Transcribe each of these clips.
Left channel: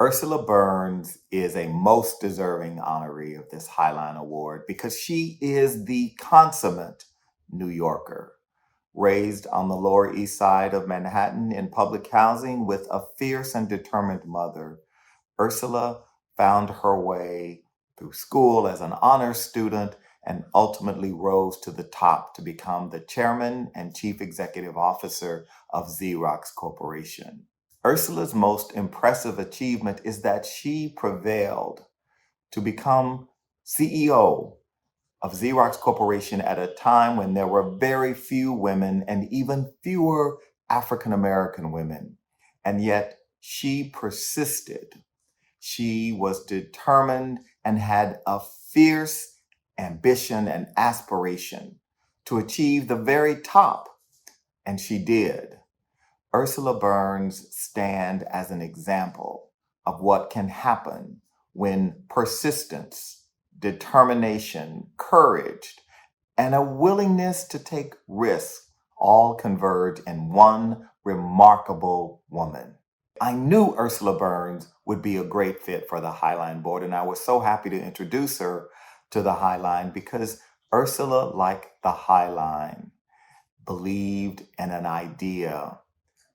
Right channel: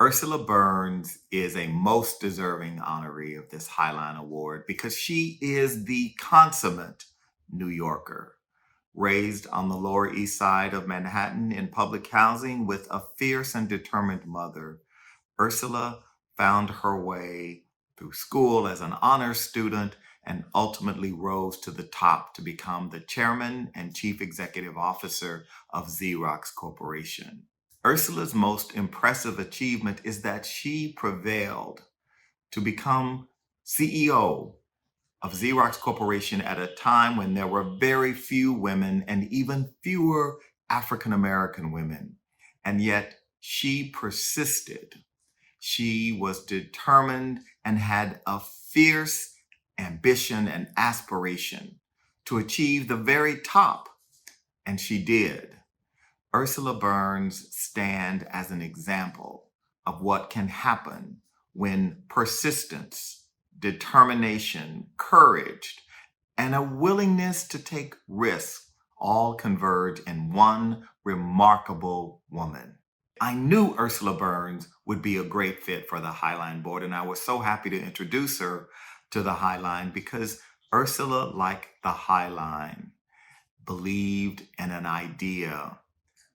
Ursula Burns is a most deserving honoree of this Highline Award because she is the consummate New Yorker, raised on the Lower East Side of Manhattan in public housing with a fierce and determined mother. Ursula found her way through school as an honors student and ultimately rose to the top to become the chairman and chief executive officer of Xerox Corporation. Ursula's most impressive achievement is that she prevailed to become CEO of Xerox Corporation at a time when there were very few women and even fewer African American women. And yet she persisted. She was determined and had a fierce ambition and aspiration to achieve the very top, and she did. Ursula Burns stand as an example of what can happen when persistence, determination, courage, and a willingness to take risks all converge in one remarkable woman. I knew Ursula Burns would be a great fit for the Highline Board, and I was so happy to introduce her to the Highline because Ursula, like the Highline, believed in an idea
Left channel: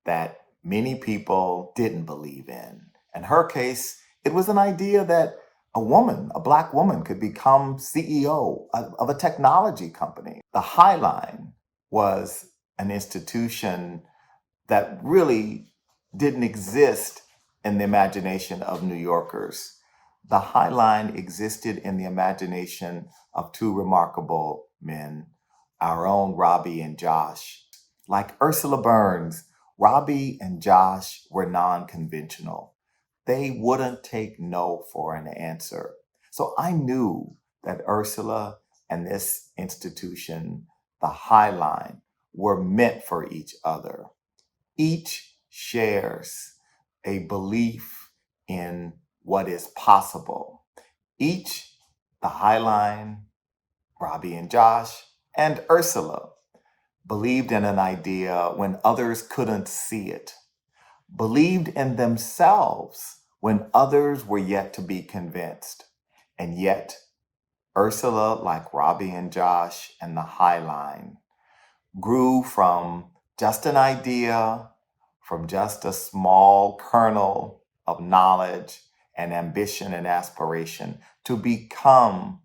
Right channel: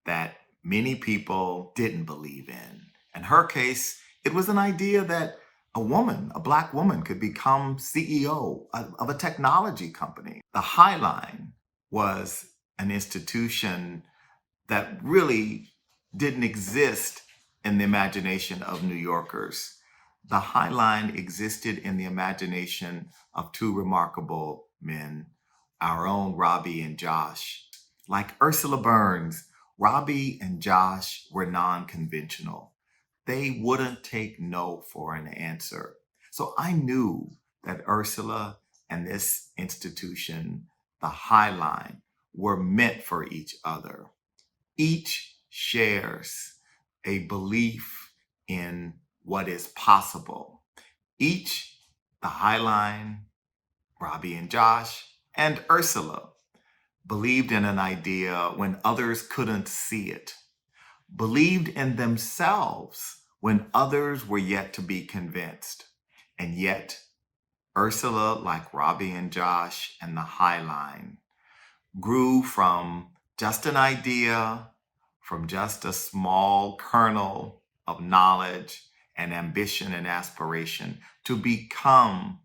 that many people didn't believe in. In her case, it was an idea that a woman, a Black woman, could become CEO of a technology company. The Highline was an institution that really didn't exist in the imagination of New Yorkers. The Highline existed in the imagination of two remarkable men, our own Robbie and Josh. Like Ursula Burns, Robbie and Josh were non-conventional. They wouldn't take no for an answer. So I knew that Ursula and this institution, the Highline, were meant for each other. Each shares a belief in what is possible. Each, the Highline, Robbie and Josh, and Ursula, believed in an idea when others couldn't see it, believed in themselves when others were yet to be convinced. And yet, Ursula, like Robbie and Josh and the Highline, grew from just an idea, from just a small kernel of knowledge and ambition and aspiration to become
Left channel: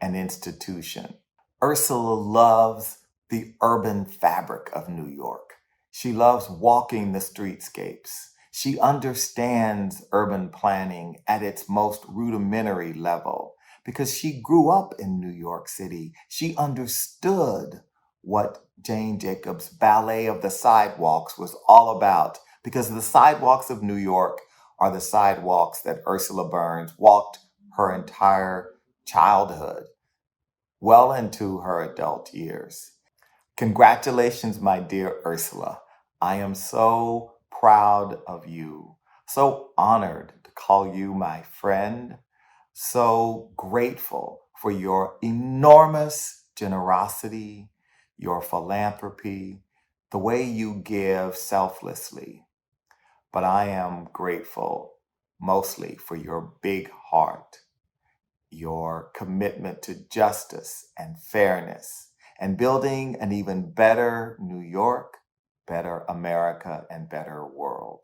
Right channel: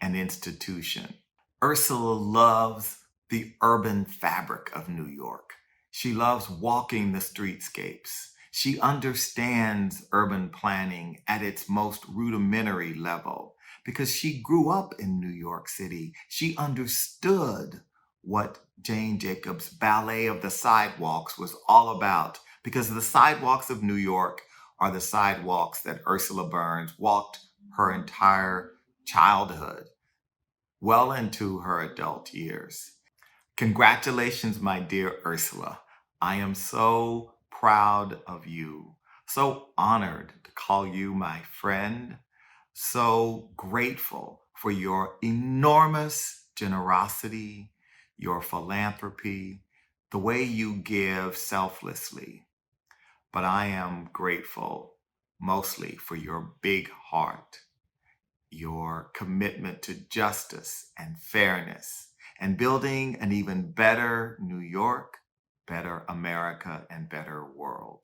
an institution. Ursula loves the urban fabric of New York. She loves walking the streetscapes. She understands urban planning at its most rudimentary level because she grew up in New York City. She understood what Jane Jacobs' Ballet of the Sidewalks was all about because the sidewalks of New York are the sidewalks that Ursula Burns walked her entire childhood, well into her adult years. Congratulations, my dear Ursula. I am so proud of you, so honored to call you my friend, so grateful for your enormous generosity, your philanthropy, the way you give selflessly. But I am grateful mostly for your big heart, your commitment to justice and fairness, and building an even better New York, better America, and better world.